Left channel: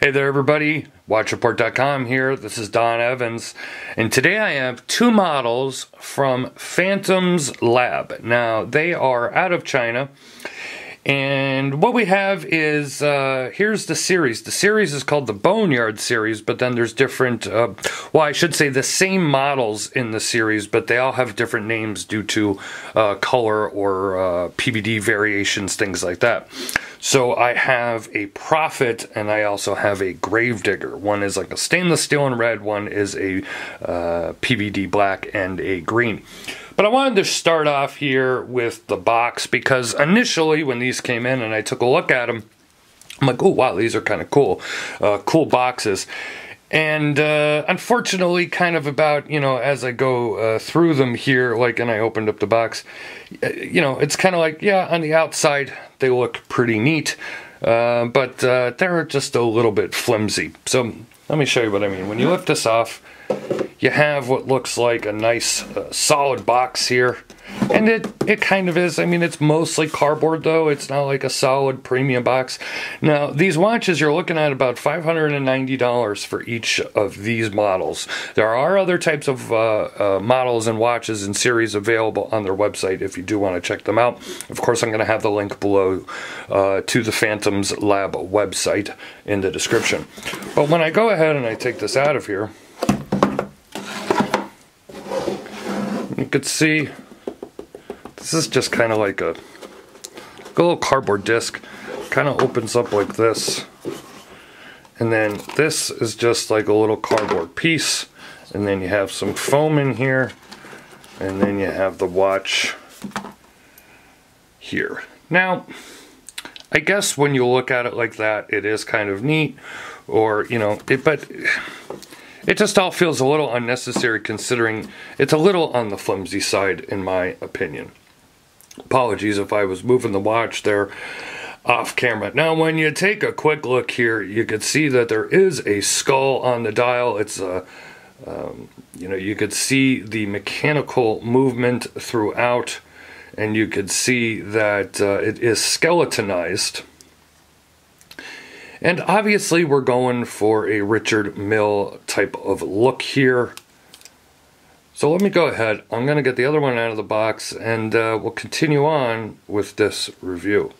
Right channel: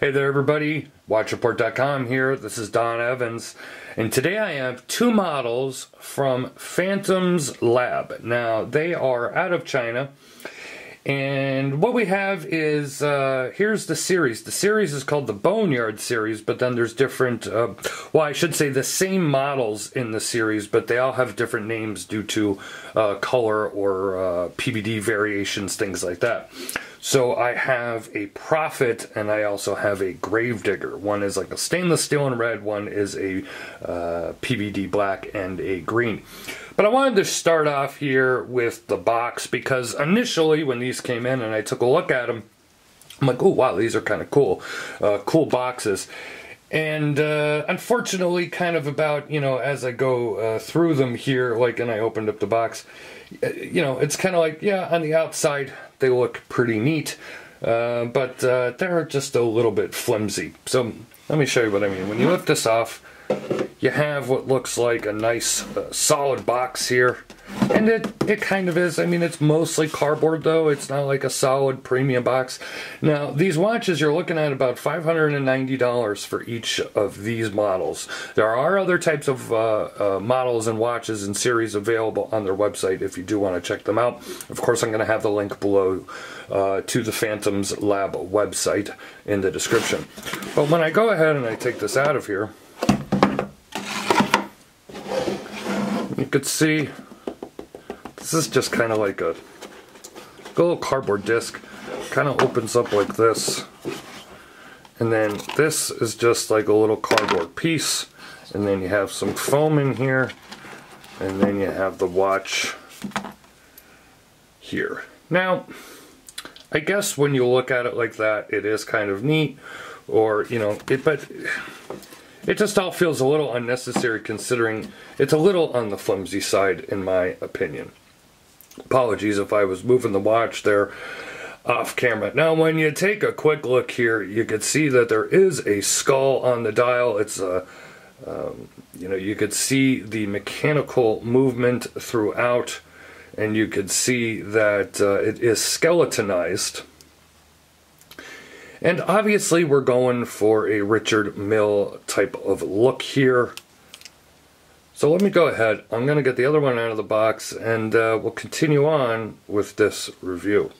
Hey there everybody, watchreport.com here. This is Don Evans, and today I have two models from Phantoms Lab. Now they are out of China, and what we have is, here's the series. The series is called the Boneyard Series, but then there's different, well I should say the same models in the series, but they all have different names due to color or PVD variations, things like that. So I have a Prophet and I also have a Gravedigger. One is like a stainless steel in red, one is a PVD black and a green. But I wanted to start off here with the box because initially when these came in and I took a look at them, I'm like, oh wow, these are kind of cool. Cool boxes. And unfortunately, kind of about, you know, as I go through them here, like, and I opened up the box, you know, it's kind of like, yeah, on the outside, they look pretty neat, but they're just a little bit flimsy. So let me show you what I mean. When you lift this off, you have what looks like a nice solid box here. And it kind of is. I mean, it's mostly cardboard though. It's not like a solid premium box. Now, these watches, you're looking at about $590 for each of these models. There are other types of models and watches and series available on their website if you do want to check them out. Of course, I'm going to have the link below to the Phantoms Lab website in the description. But when I go ahead and I take this out of here, you could see this is just kind of like a little cardboard disc. Kind of opens up like this. And then this is just like a little cardboard piece. And then you have some foam in here. And then you have the watch here. Now, I guess when you look at it like that, it is kind of neat. Or, you know, but it just all feels a little unnecessary considering it's a little on the flimsy side in my opinion. Apologies if I was moving the watch there off camera. Now when you take a quick look here, you could see that there is a skull on the dial. It's a, you know, you could see the mechanical movement throughout, and you could see that it is skeletonized. And obviously we're going for a Richard Mille type of look here. So let me go ahead. I'm going to get the other one out of the box and we'll continue on with this review.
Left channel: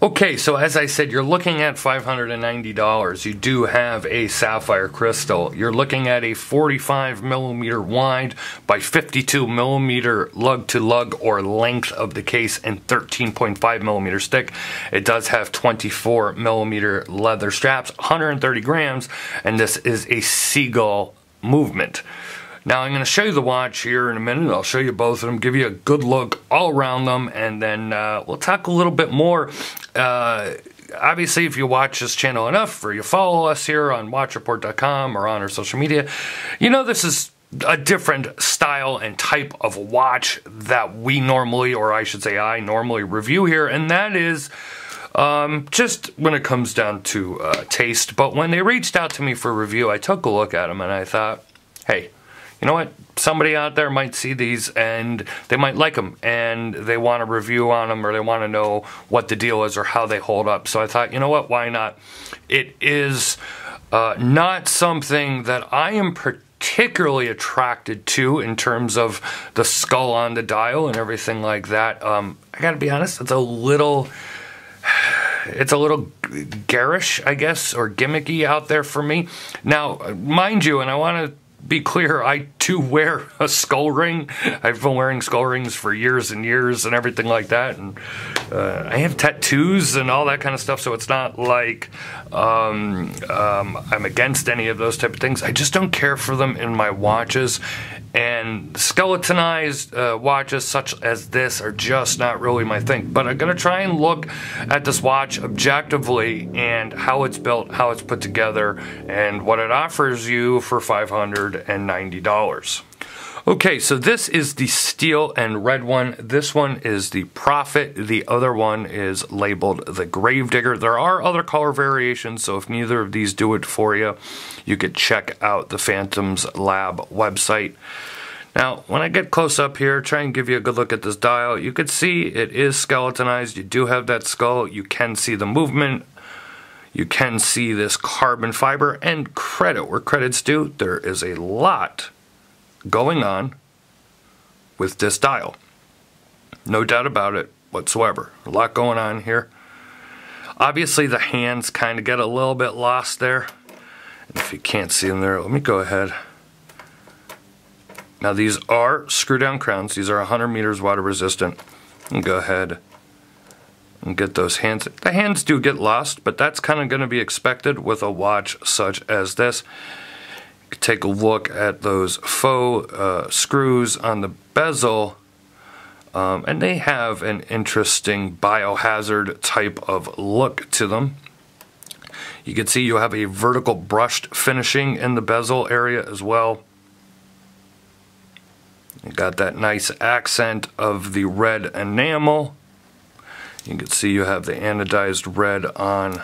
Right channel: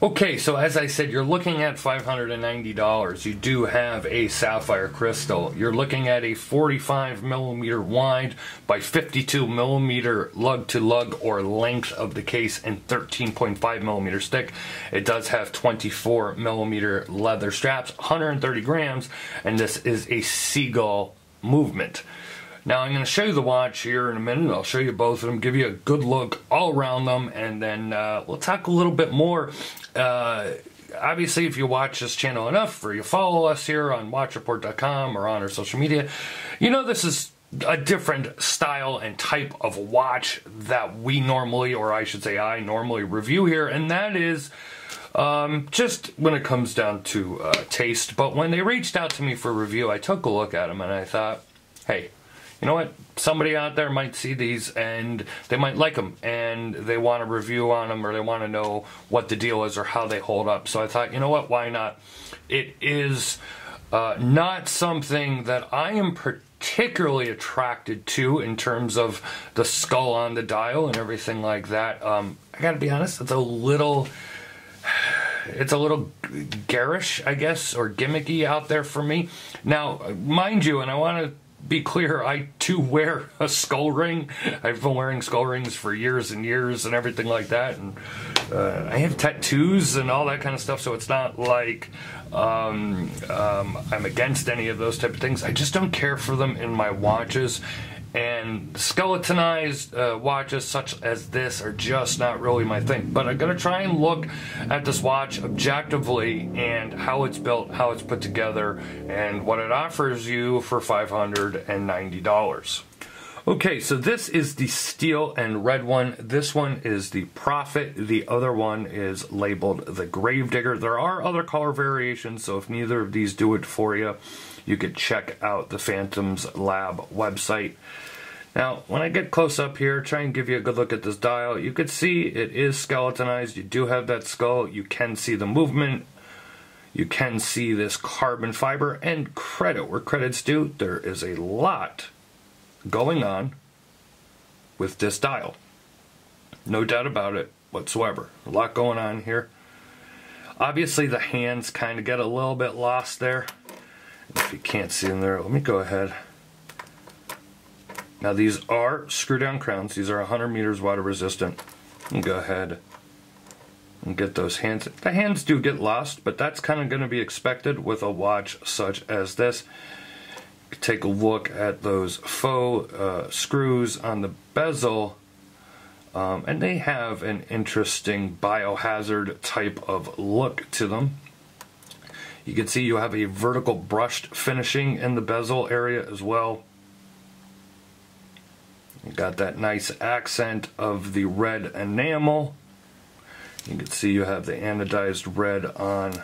Okay, so as I said, you're looking at $590. You do have a sapphire crystal. You're looking at a 45mm wide by 52mm lug to lug or length of the case and 13.5mm thick. It does have 24mm leather straps, 130 grams, and this is a seagull movement. Now I'm going to show you the watch here in a minute. I'll show you both of them, give you a good look all around them, and then we'll talk a little bit more. Obviously, if you watch this channel enough or you follow us here on watchreport.com or on our social media, you know this is a different style and type of watch that we normally, or I should say I normally review here, and that is just when it comes down to taste. But when they reached out to me for review, I took a look at them and I thought, hey, you know what, somebody out there might see these and they might like them and they want a review on them, or they want to know what the deal is or how they hold up. So I thought, you know what, why not? It is not something that I am particularly attracted to in terms of the skull on the dial and everything like that. I gotta be honest, it's a little garish, I guess, or gimmicky out there for me. Now, mind you, and I want to be clear, I do wear a skull ring. I've been wearing skull rings for years and years and everything like that, and I have tattoos and all that kind of stuff, so it's not like I'm against any of those type of things. I just don't care for them in my watches, and skeletonized watches such as this are just not really my thing. But I'm going to try and look at this watch objectively and how it's built, how it's put together, and what it offers you for $590. Okay, so this is the steel and red one. This one is the Prophet. The other one is labeled the Gravedigger. There are other color variations, so if neither of these do it for you, you could check out the Phantoms Lab website. Now, when I get close up here, try and give you a good look at this dial, you could see it is skeletonized. You do have that skull. You can see the movement. You can see this carbon fiber, and credit where credit's due, there is a lot going on with this dial. No doubt about it whatsoever. A lot going on here. Obviously the hands kind of get a little bit lost there. If you can't see them there, let me go ahead. Now these are screw down crowns. These are 100 meters water resistant. And go ahead and get those hands. The hands do get lost, but that's kind of going to be expected with a watch such as this. Take a look at those faux screws on the bezel, and they have an interesting biohazard type of look to them. You can see you have a vertical brushed finishing in the bezel area as well. You got that nice accent of the red enamel. You can see you have the anodized red on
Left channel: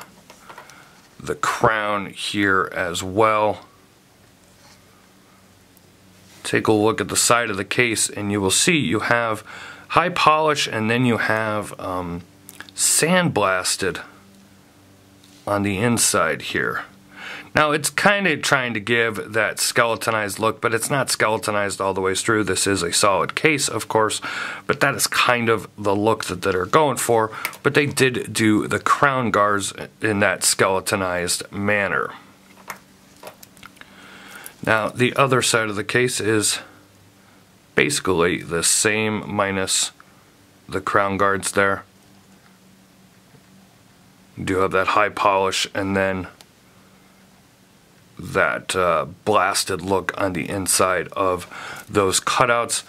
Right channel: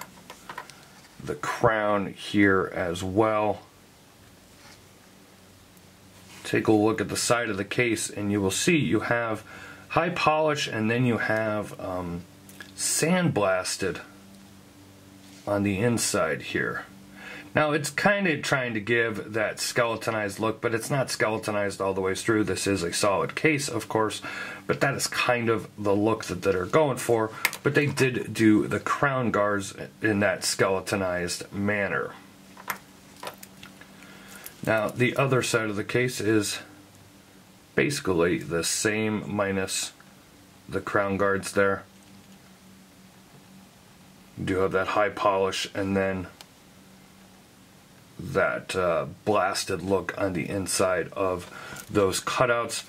the crown here as well. Take a look at the side of the case and you will see you have high polish, and then you have sandblasted on the inside here. Now it's kind of trying to give that skeletonized look, but it's not skeletonized all the way through. This is a solid case, of course, but that is kind of the look that they're going for. But they did do the crown guards in that skeletonized manner. Now the other side of the case is basically the same minus the crown guards there. You do have that high polish and then that blasted look on the inside of those cutouts.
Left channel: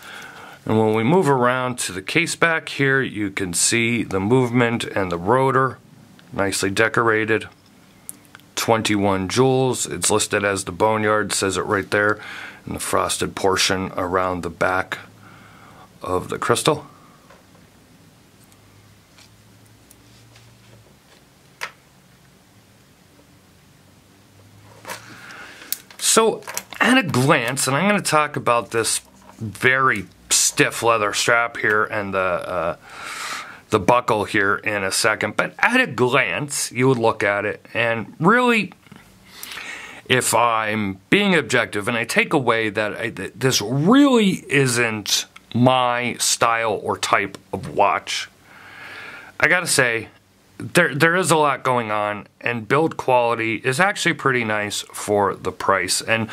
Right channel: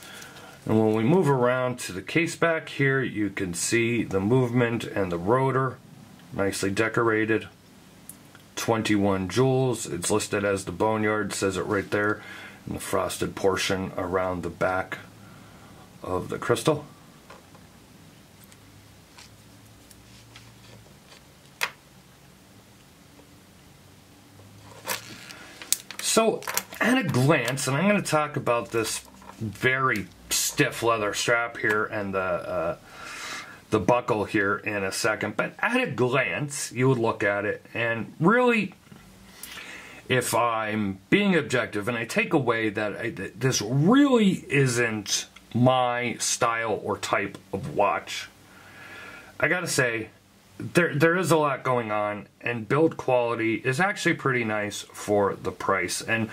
And when we move around to the case back here, you can see the movement and the rotor, nicely decorated. 21 joules. It's listed as the Boneyard, says it right there, in the frosted portion around the back of the crystal. So at a glance, and I'm going to talk about this very stiff leather strap here and the buckle here in a second, but at a glance you would look at it and really, if I'm being objective and I take away that this really isn't my style or type of watch, I gotta say there is a lot going on, and build quality is actually pretty nice for the price. And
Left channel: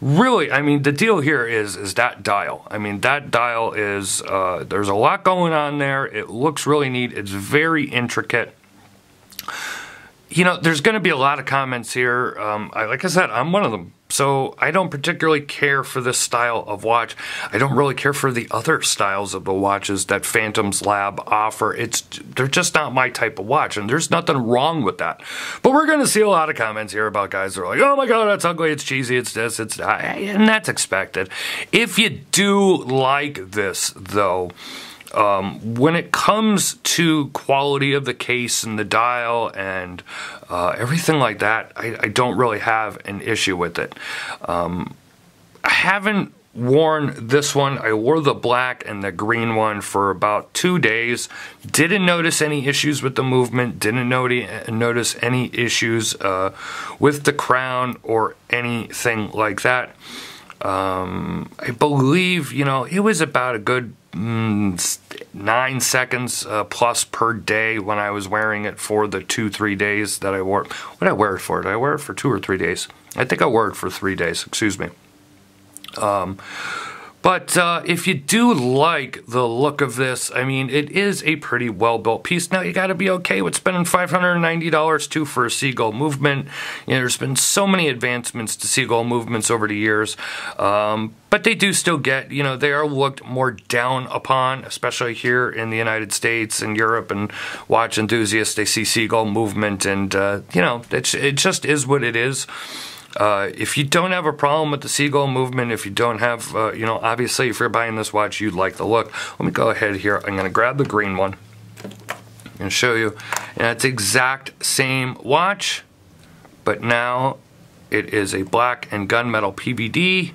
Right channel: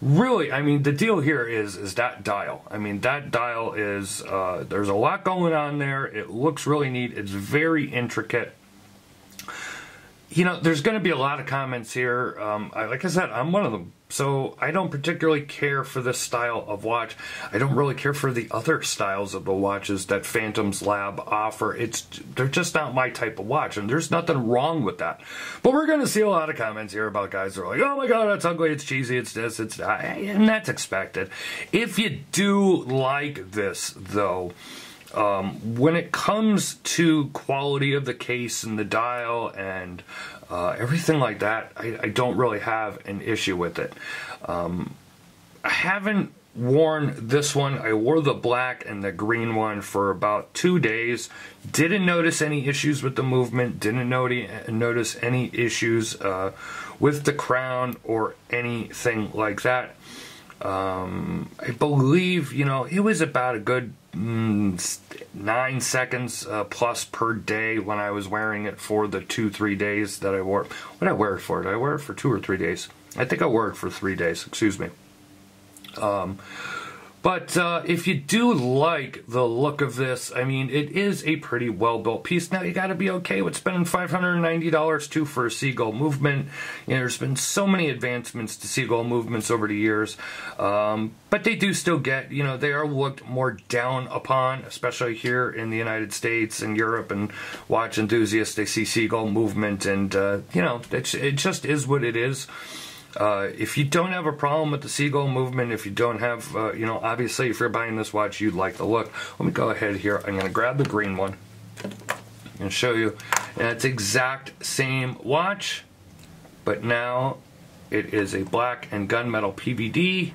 really, I mean, the deal here is that dial. I mean, that dial is, there's a lot going on there. It looks really neat. It's very intricate. You know, there's going to be a lot of comments here. Like I said, I'm one of them. So I don't particularly care for this style of watch. I don't really care for the other styles of the watches that Phantoms Lab offer. They're just not my type of watch, and there's nothing wrong with that. But we're going to see a lot of comments here about guys that are like, oh my god, that's ugly, it's cheesy, it's this, it's that, and that's expected. If you do like this, though, when it comes to quality of the case and the dial and everything like that, I don't really have an issue with it. I haven't worn this one. I wore the black and the green one for about 2 days. Didn't notice any issues with the movement. Didn't notice any issues with the crown or anything like that. I believe, you know, it was about a good 9 seconds plus per day when I was wearing it for the 2-3 days that I wore it. What did I wear it for? Did I wear it for 2 or 3 days? I think I wore it for 3 days, excuse me. But if you do like the look of this, I mean, it is a pretty well-built piece. Now, you got to be okay with spending $590 too for a seagull movement. You know, there's been so many advancements to seagull movements over the years, but they do still get, you know, they are looked more down upon, especially here in the United States and Europe, and watch enthusiasts, they see seagull movement, and you know, it just is what it is. If you don't have a problem with the seagull movement, if you don't have, you know, obviously if you're buying this watch, you'd like the look. Let me go ahead here. I'm going to grab the green one and show you. And it's exact same watch, but now it is a black and gunmetal PVD,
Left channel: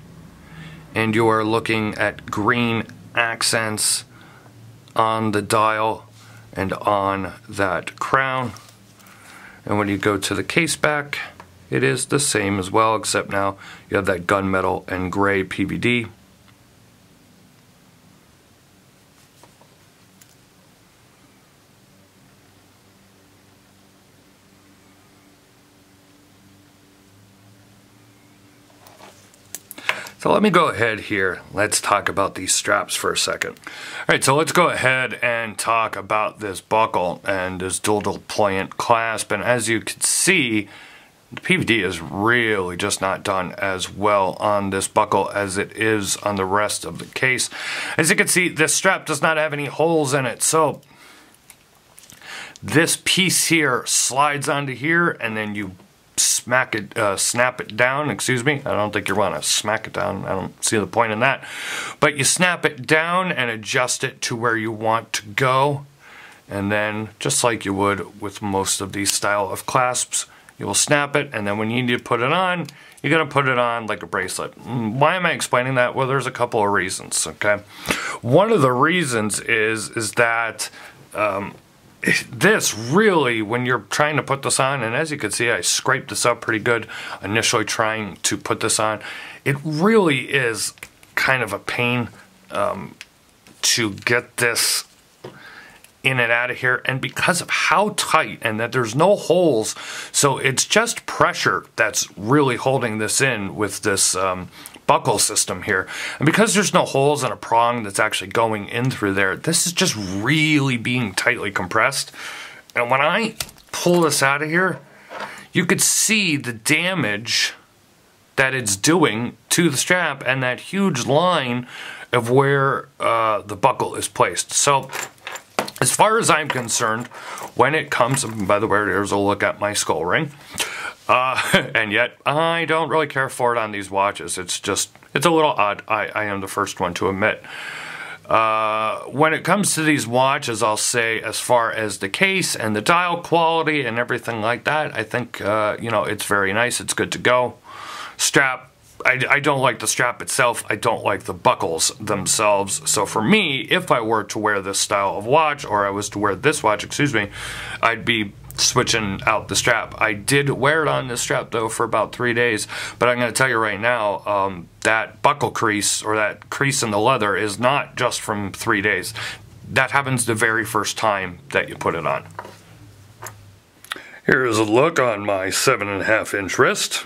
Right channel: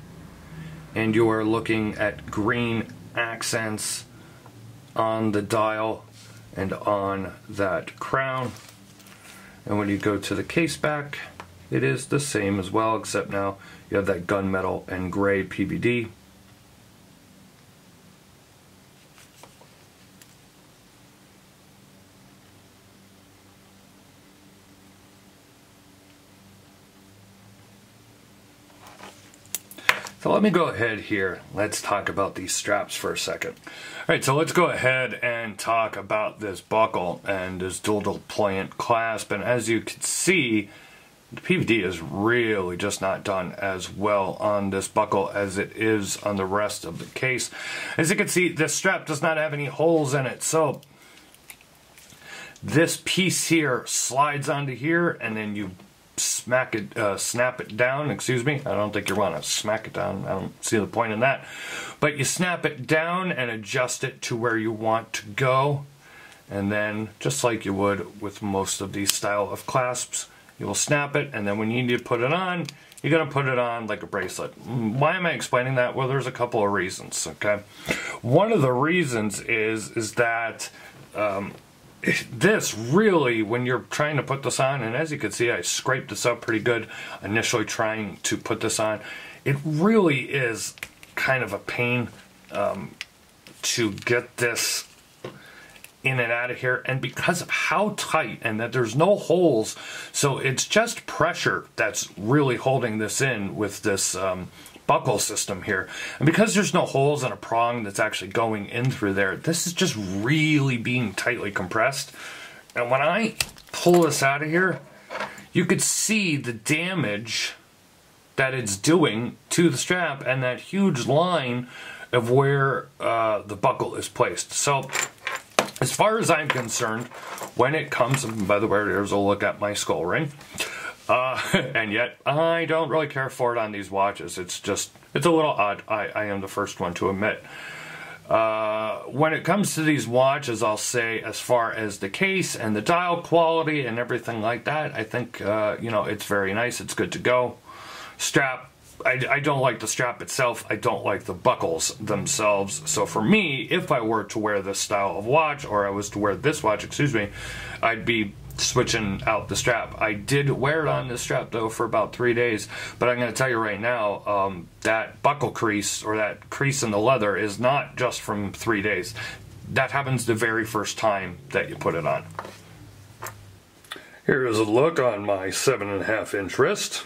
and you are looking at green accents on the dial and on that crown. And when you go to the case back, it is the same as well, except now you have that gunmetal and gray PVD. So let me go ahead here. Let's talk about these straps for a second. All right, so let's go ahead and talk about this buckle and this dual deployment clasp. And as you can see, the PVD is really just not done as well on this buckle as it is on the rest of the case. As you can see, this strap does not have any holes in it. So this piece here slides onto here, and then you snap it down, excuse me. I don't think you want to smack it down. I don't see the point in that. But you snap it down and adjust it to where you want to go. And then, just like you would with most of these style of clasps, you will snap it, and then when you need to put it on, you're going to put it on like a bracelet. Why am I explaining that? Well, there's a couple of reasons, okay? One of the reasons is that this really, when you're trying to put this on, and as you can see, I scraped this up pretty good initially trying to put this on, it really is kind of a pain to get this in and out of here, and because of how tight and that there's no holes, so it's just pressure that's really holding this in with this buckle system here. And because there's no holes and a prong that's actually going in through there, this is just really being tightly compressed. And when I pull this out of here, you could see the damage that it's doing to the strap and that huge line of where the buckle is placed. So as far as I'm concerned, when it comes, and by the way, there's a look at my skull ring, and yet I don't really care for it on these watches. It's a little odd. I am the first one to admit. When it comes to these watches, I'll say as far as the case and the dial quality and everything like that, I think, you know, it's very nice. It's good to go. Strap, I don't like the strap itself. I don't like the buckles themselves. So for me, if I were to wear this style of watch, or I was to wear this watch, excuse me, I'd be switching out the strap. I did wear it on this strap though for about 3 days, but I'm going to tell you right now, that buckle crease, or that crease in the leather, is not just from 3 days. That happens the very first time that you put it on. Here's a look on my 7.5-inch wrist.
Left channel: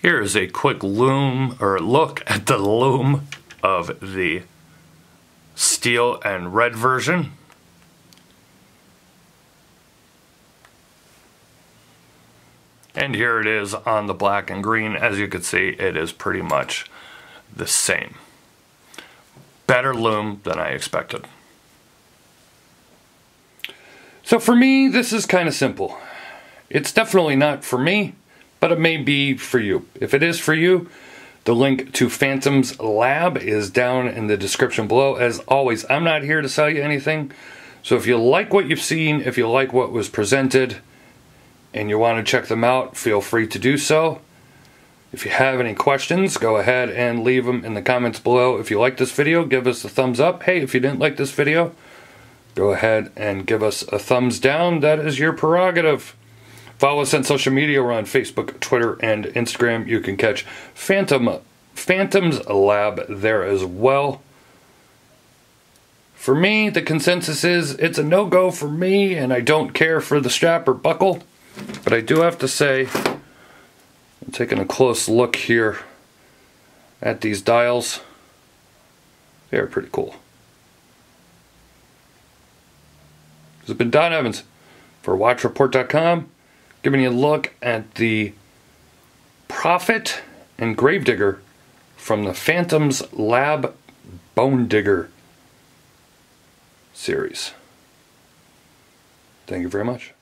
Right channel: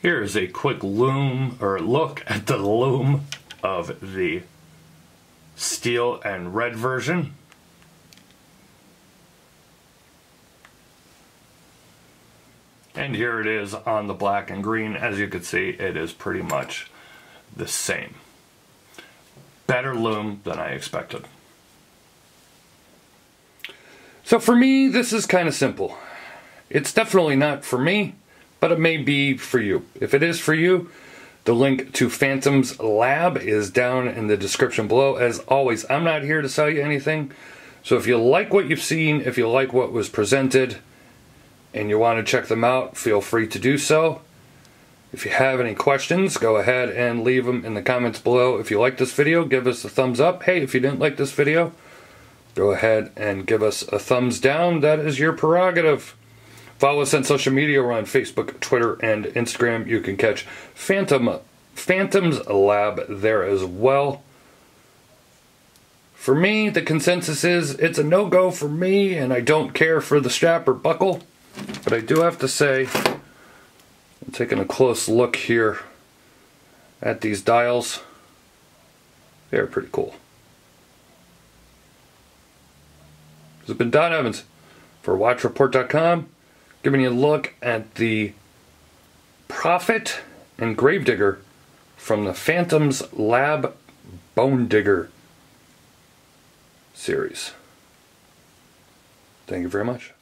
Here is a quick look at the loom of the steel and red version. And here it is on the black and green. As you can see, it is pretty much the same. Better loom than I expected. So for me, this is kind of simple. It's definitely not for me, but it may be for you. If it is for you, the link to Phantoms Lab is down in the description below. As always, I'm not here to sell you anything. So if you like what you've seen, if you like what was presented, and you want to check them out, feel free to do so. If you have any questions, go ahead and leave them in the comments below. If you like this video, give us a thumbs up. Hey, if you didn't like this video, go ahead and give us a thumbs down. That is your prerogative. Follow us on social media. We're on Facebook, Twitter, and Instagram. You can catch Phantoms Lab there as well. For me, the consensus is it's a no-go for me, and I don't care for the strap or buckle. But I do have to say, I'm taking a close look here at these dials. They're pretty cool. This has been Don Evans for WatchReport.com, giving you a look at the Prophet and Gravedigger from the Phantoms Lab Boneyard series. Thank you very much.